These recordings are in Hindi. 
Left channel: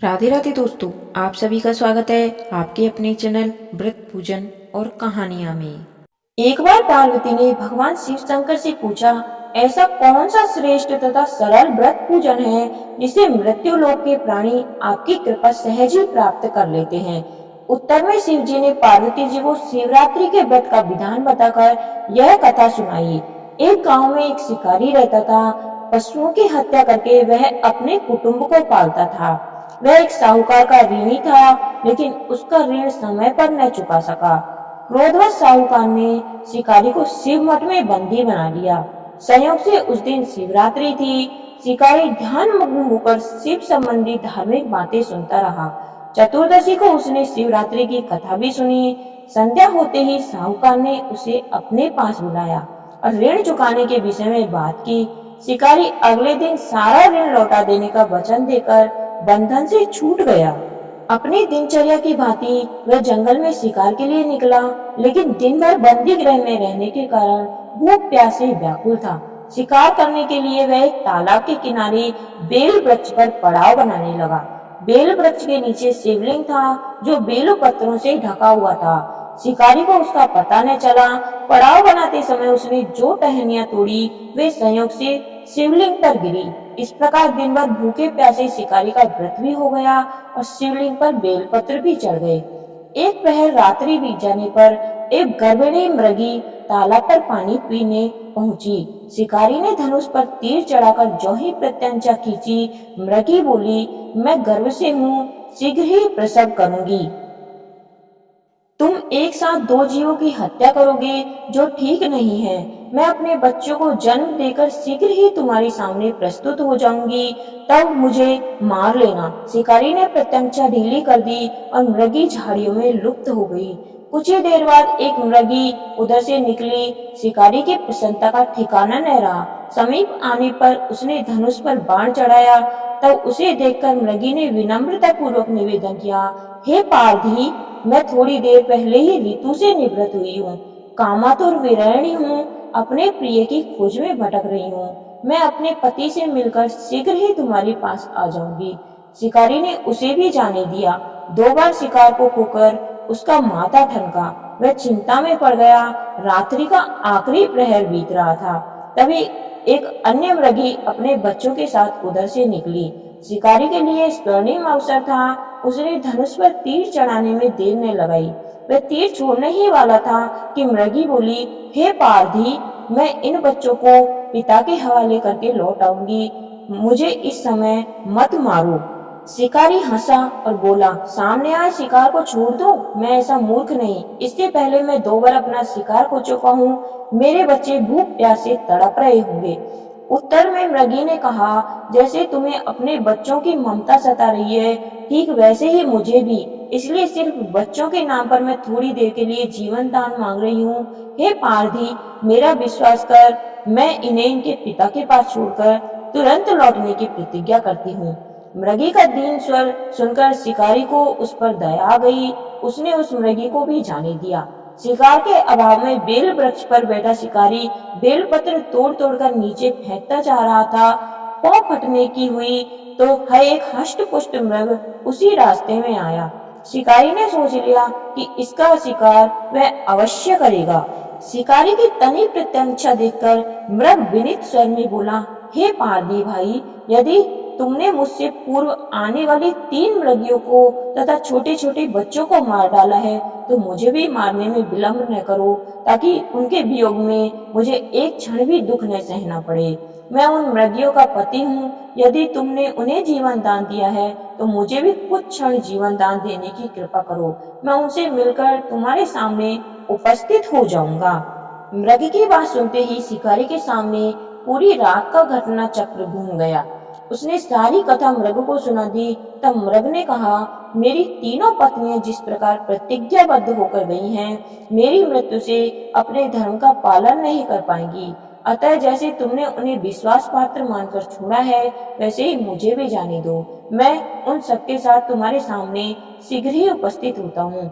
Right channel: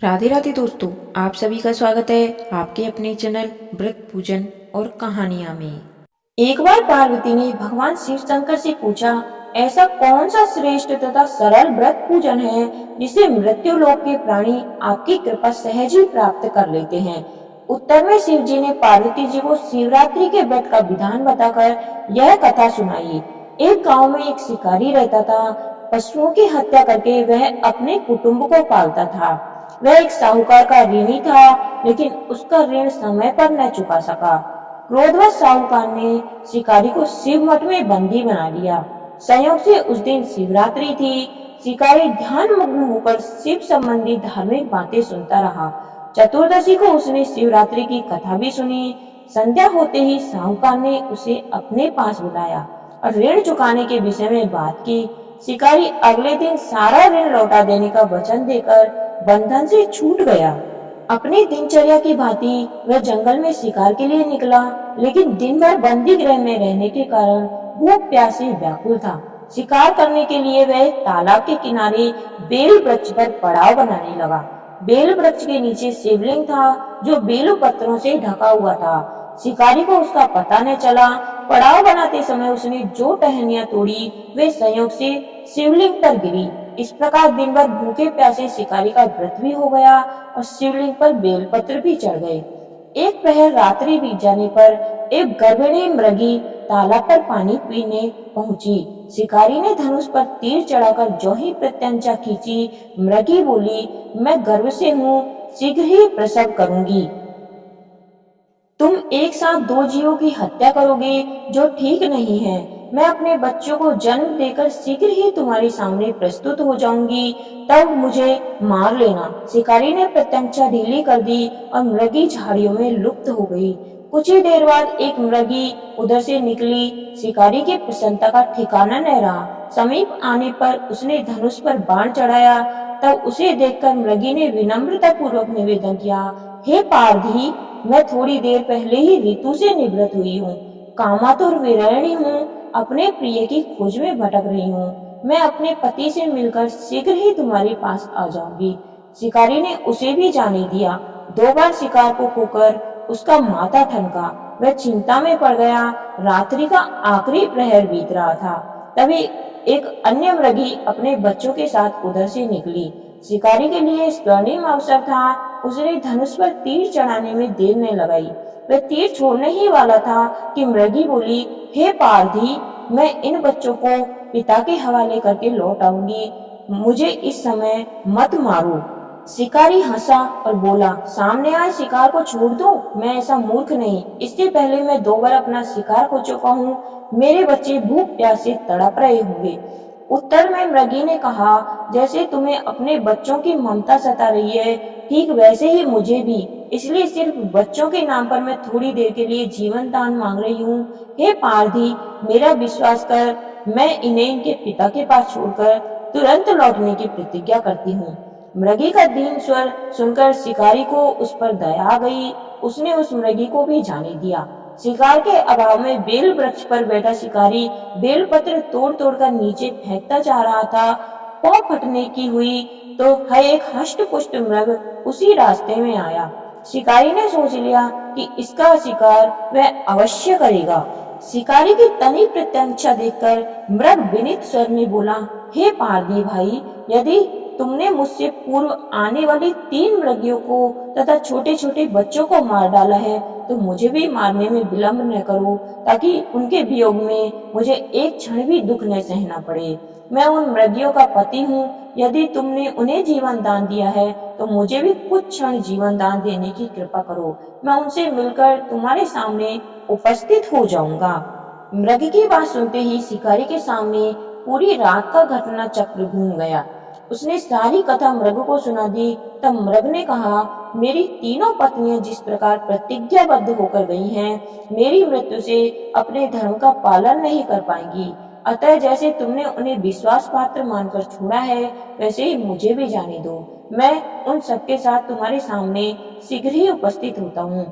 राधे राधे दोस्तों, आप सभी का स्वागत है आपके अपने चैनल व्रत पूजन और कहानियां में। एक बार पार्वती ने भगवान शिव शंकर से पूछा, ऐसा कौन सा श्रेष्ठ तथा सरल व्रत पूजन है जिसे मृत्यु लोक के प्राणी आपकी कृपा सहज ही प्राप्त कर लेते हैं। उत्तर में शिव जी ने पार्वती जी को शिवरात्रि के व्रत का विधान बताकर यह कथा सुनाई। एक गांव में एक शिकारी रहता था। पशुओं की हत्या करके वह अपने कुटुंब को पालता था। वह एक साहूकार का ऋणी था, लेकिन उसका ऋण समय पर न चुका सका। क्रोधवश साहूकार ने शिकारी को शिव मठ में बंदी बना लिया। संयोग से उस दिन शिवरात्रि थी। शिकारी ध्यान मग्न होकर शिव संबंधी धार्मिक बातें सुनता रहा। चतुर्दशी को उसने शिवरात्रि की कथा भी सुनी। संध्या होते ही साहूकार ने उसे अपने पास बुलाया और ऋण चुकाने के विषय में बात की। शिकारी अगले दिन सारा ऋण लौटा देने का वचन देकर बंधन से छूट गया। अपनी दिनचर्या की भांति वह जंगल में शिकार के लिए निकला, लेकिन दिन भर बंदी गृह में रहने के कारण भूख प्यास से व्याकुल था। शिकार करने के लिए वह एक तालाब के किनारे बेल वृक्ष पर पड़ाव बनाने लगा। बेल वृक्ष के नीचे शिवलिंग था, जो बेल पत्रों से ढका हुआ था। शिकारी को उसका पता न चला। पड़ाव बनाते समय उसने जो टहनियां तोड़ी, वे संयोग से शिवलिंग पर गिरी। इस प्रकार दिन भर भूखे प्यासे शिकारी का व्रत भी हो गया और शिवलिंग पर बेलपत्र भी चढ़ गए। एक प्रहर रात्रि बीत जाने पर एक गर्भिणी मृगी तालाब पर पानी पीने पहुंची। शिकारी ने धनुष पर तीर चढ़ाकर जो ही प्रत्यंचा खींची, मृगी बोली, मैं गर्भ से हूँ, शीघ्र ही प्रसव करूंगी। तुम एक साथ दो जीवों की हत्या करोगे, जो ठीक नहीं है। मैं अपने बच्चों को जन्म देकर शीघ्र ही तुम्हारे सामने प्रस्तुत हो जाऊंगी, तब मुझे मार लेना। शिकारी ने प्रत्यंचा ढीली कर दी और मृगी झाड़ियों में लुप्त हो गई। कुछ ही देर बाद एक मृगी उधर से निकली। शिकारी की प्रसन्नता का ठिकाना न रहा। समीप आने पर उसने धनुष पर बाण चढ़ाया। तब उसे देखकर मृगी ने विनम्रता पूर्वक निवेदन किया, हे पारधी, मैं थोड़ी देर पहले ही ऋतु से निवृत्त हुई हूँ। कामातुर विरहिणी हूँ, अपने प्रिय की खोज में भटक रही हूँ। मैं अपने पति से मिलकर शीघ्र ही तुम्हारे पास आ जाऊंगी। शिकारी ने उसे भी जाने दिया। दो बार शिकार को खोकर उसका माथा ठनका। वह चिंता में पड़ गया। रात्रि का आखिरी प्रहर बीत रहा था। तभी एक अन्य मृगी अपने बच्चों के साथ उधर से निकली। शिकारी के लिए स्वर्णिम अवसर था। उसने धनुष पर तीर चढ़ाने में देर न लगाई। वह तीर छोड़ने ही वाला था कि मृगी बोली, हे पारधी, मैं इन बच्चों को पिता के हवाले करके लौट आऊंगी। मुझे इस समय मत मारो। शिकारी हंसा और बोला, सामने आए शिकार को छोड़ दो। मैं ऐसा मूर्ख नहीं। इससे पहले मैं दो बार अपना शिकार खो चुका हूँ। मेरे बच्चे भूख प्यास से तड़प रहे होंगे। उत्तर में मृगी ने कहा, जैसे तुम्हें अपने बच्चों की ममता सता रही है, ठीक वैसे ही मुझे भी। इसलिए सिर्फ बच्चों के नाम पर मैं थोड़ी देर के लिए जीवन दान मांग रही हूँ। हे पारधी, मेरा विश्वास कर। मैं इन्हें इनके पिता के पास छोड़कर तुरंत लौटने की प्रतिज्ञा करती हूँ। मृगी का दीन स्वर सुनकर शिकारी को उस पर दया आ गई। उसने उस मृगी को भी जाने दिया। शिकार के अभाव में बेल वृक्ष पर बैठा शिकारी बेल पत्र तोड़ तोड़कर नीचे फेंकता जा रहा था। पांव फटने की हुई तो है एक हष्ट पुष्ट मृग उसी रास्ते में आया। शिकारी ने सोच लिया कि इसका शिकार वह अवश्य करेगा। शिकारी की तनी प्रत्यंचा देखकर मृग विनीत स्वर में बोला, हे पारदी भाई, यदि तुमने मुझसे पूर्व आने वाली 3 मृगियों को तथा छोटे छोटे बच्चों को मार डाला है, तो मुझे भी मारने में विलंब न करो, ताकि उनके वियोग में मुझे एक क्षण भी दुख न सहना पड़े। मैं उन मृगियों का पति हूँ। यदि तुमने उन्हें जीवन दान दिया है, तो मुझे भी कुछ क्षण जीवन दान देने की कृपा करो। मैं उनसे मिलकर तुम्हारे सामने उपस्थित हो जाऊंगा। मृग की बात सुनते ही शिकारी के सामने पूरी रात का घटना चक्र घूम गया। उसने सारी कथा मृग को सुना दी। तब मृग ने कहा, मेरी तीनों पत्नियां जिस प्रकार प्रतिज्ञाबद्ध होकर गई हैं, मेरी मृत्यु से अपने धर्म का पालन नहीं कर पाएंगी। अतः जैसे तुमने उन्हें विश्वास पात्र मानकर छोड़ा है, वैसे ही मुझे भी जाने दो। मैं उन सबके साथ तुम्हारे सामने शीघ्र ही उपस्थित होता हूँ।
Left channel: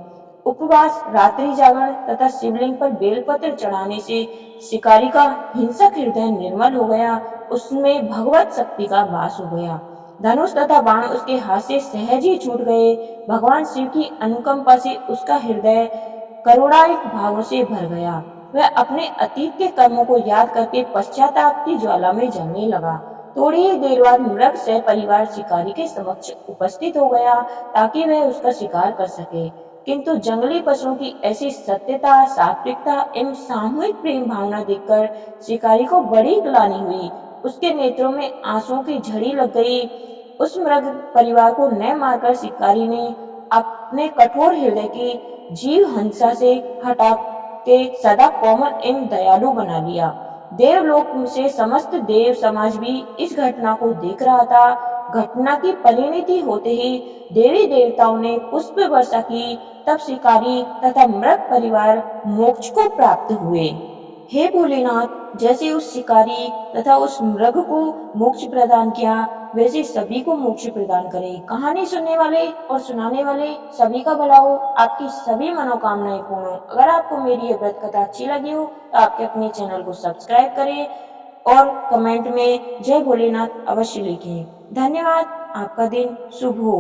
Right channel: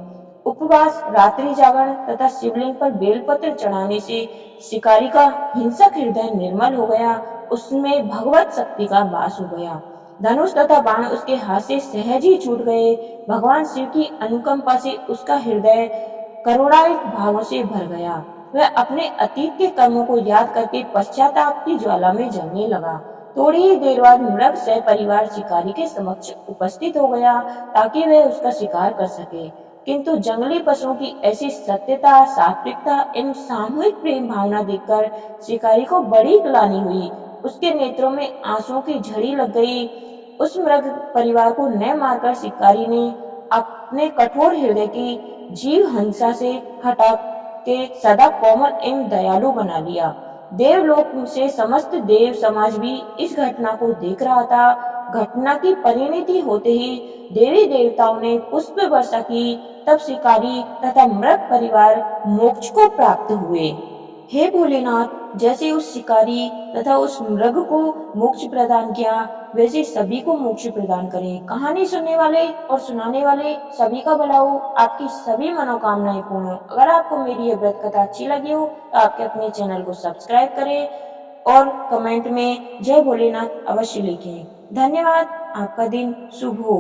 उपवास, रात्रि जागरण तथा शिवलिंग पर बेलपत्र चढ़ाने से शिकारी का हिंसक हृदय निर्मल हो गया। उसमें भगवत शक्ति का वास हो गया। धनुष तथा बाण उसके हाथ से सहज ही छूट गए। भगवान शिव की अनुकंपा से उसका हृदय करुणायित भावों से भर गया। वह अपने अतीत के कर्मों को याद करके पश्चाताप की ज्वाला में जलने लगा। थोड़ी ही देर बाद मृग सह परिवार शिकारी के समक्ष उपस्थित हो गया ताकि वह उसका शिकार कर सके, किंतु जंगली पशुओं की ऐसी सत्यता, सात्विकता एवं सामूहिक प्रेम भावना देखकर शिकारी को बड़ी ग्लानि हुई। उसके नेत्रों में आंसुओं की झड़ी लग गई। उस मृग परिवार को न मारकर शिकारी ने अपने कठोर हृदय की जीव हंसा से हटा के सदा कोमल एवं दयालु बना लिया। देवलोक से समस्त देव समाज भी इस घटना को देख रहा था। घटना की परिणति होते ही देवी देवताओं ने पुष्प वर्षा की, तब शिकारी तथा मृग परिवार मोक्ष को प्राप्त हुए। हे भोलेनाथ, जैसे उस शिकारी तथा उस मृग को मोक्ष प्रदान किया, वैसे सभी को मोक्ष प्रदान करें। कहानी सुनने वाले और सुनाने वाले सभी का भला हो, आपकी सभी मनोकामनाएं पूर्ण हो। अगर आपको मेरी ये व्रत कथा अच्छी लगी हो तो आपके अपने चैनल को सब्सक्राइब करें और कमेंट में जय भोलेनाथ अवश्य लिखें। धन्यवाद। आपका दिन शुभ हो।